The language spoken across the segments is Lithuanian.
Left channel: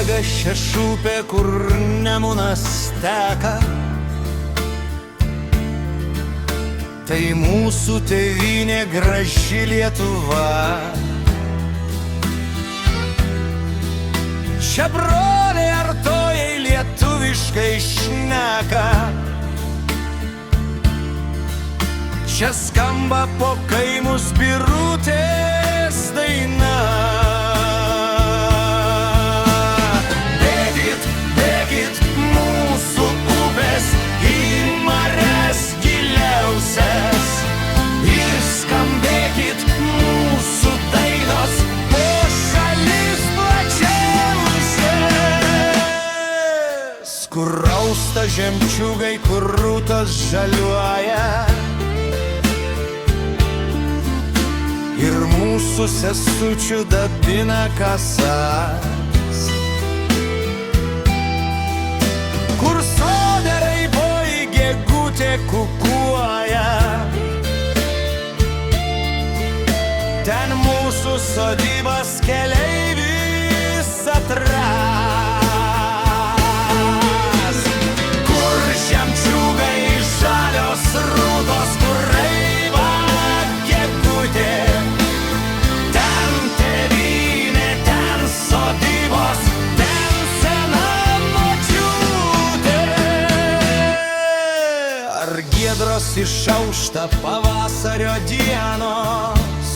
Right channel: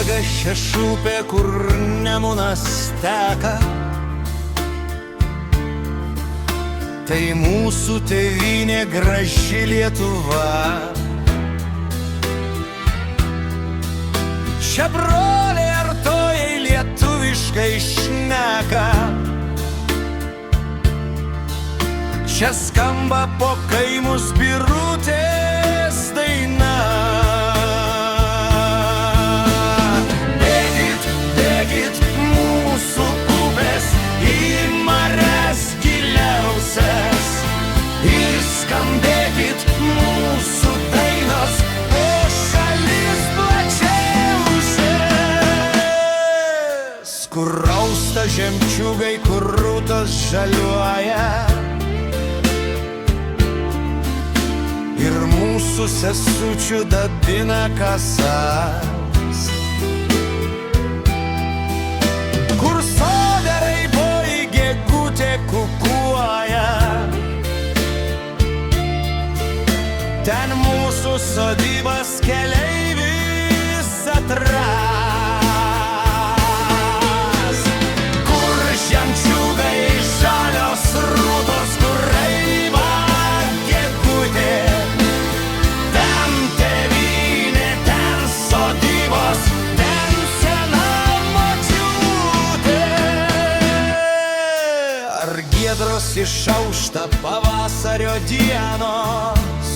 bėga šešupė, kur Nemunas teka. Tai mūsų tėvynė graži Lietuva. Čia broliai artojai lietuviškai šneka. Čia skamba po kaimus Birutės daina. Bėkit, bėkit mūsų upės į marias giliausias ir skambėkit mūsų dainos po šalis plačiausias, kur rausta žemčiugai, kur rūtos žaliuoja. Ir mūsų sesučių dabina kasas, kur sode raiboji gegutė kukuoja. Ten mūsų sodybas keleivis atras, kur žemčiugai žalios rūtos, kur raiba gegutė. Ten sena močiutė. Ar giedros išaušta pavasario dienos,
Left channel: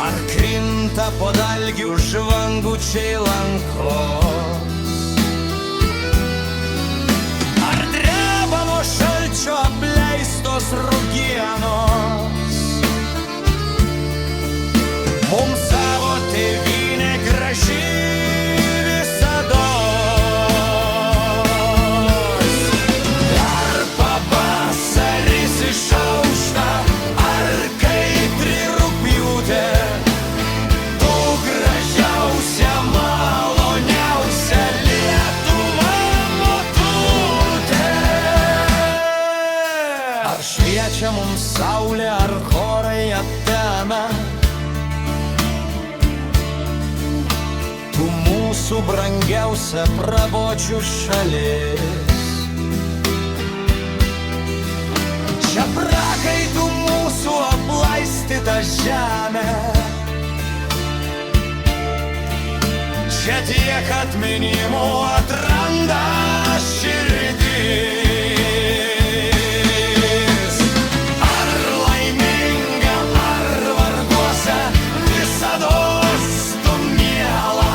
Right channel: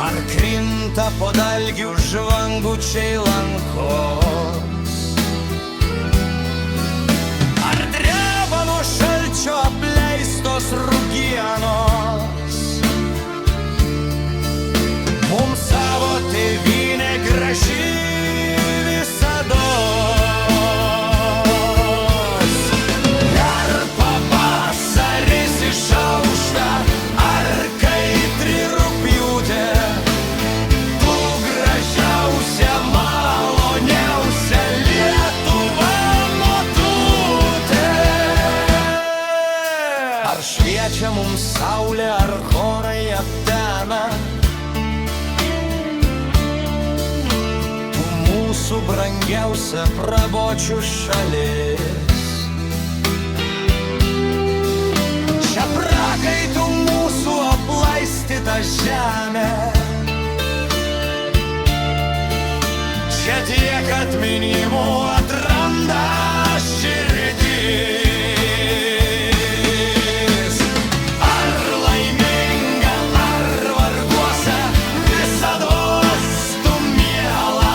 ar krinta po dalgių žvangučiai lankos, ar dreba nuo šalčio apleistos rugienos. Mums savo tėvynė graži visados. Ar pavasaris išaušta, ar kaitri rugpjūtė, tu gražiausia, maloniausia Lietuva motutė. Ar šviečia mums saulė, ar chorai aptemę, mūsų brangiausia prabočių šalis. Čia prakaitų mūsų aplaistyta žemė, čia tiek atminimų atranda širdis. Ar laiminga, ar varguose, visados tu miela.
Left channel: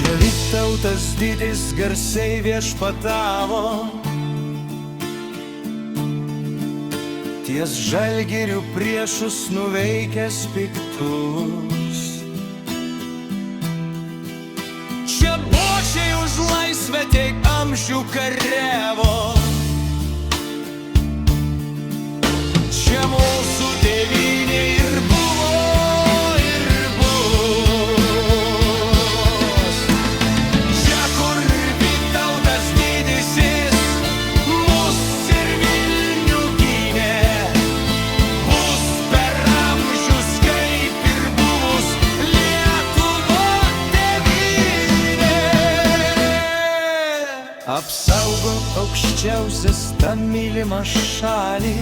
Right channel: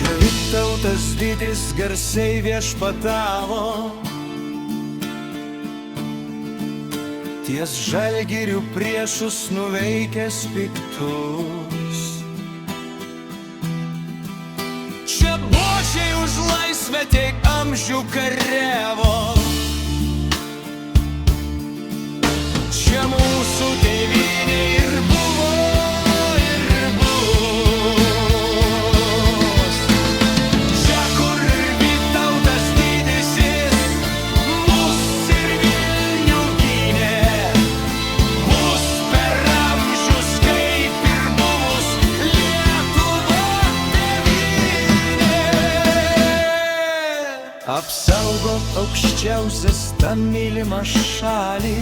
Čia Vytautas didis garsiai viešpatavo, ties Žalgirių priešus nuveikęs piktus. Čia bočiai už laisvę tiek amžių kariavo, čia mūsų tėvynė ir buvo. Mus ir Vilnių gynė, bus per amžius kaip ir buvus Lietuva tėvynė. Apsaugok aukščiausias tą mylimą šalį,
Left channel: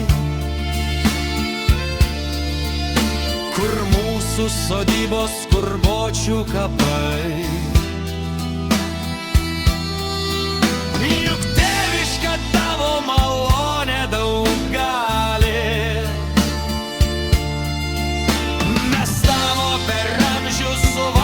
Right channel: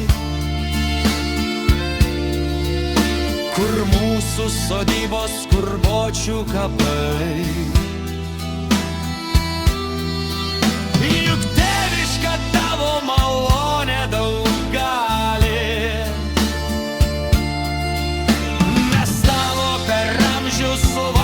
kur mūsų sodybos, kur bočių kapai. Juk tėviška tavo malonė daug gali, mes tavo per amžius suvaldėme.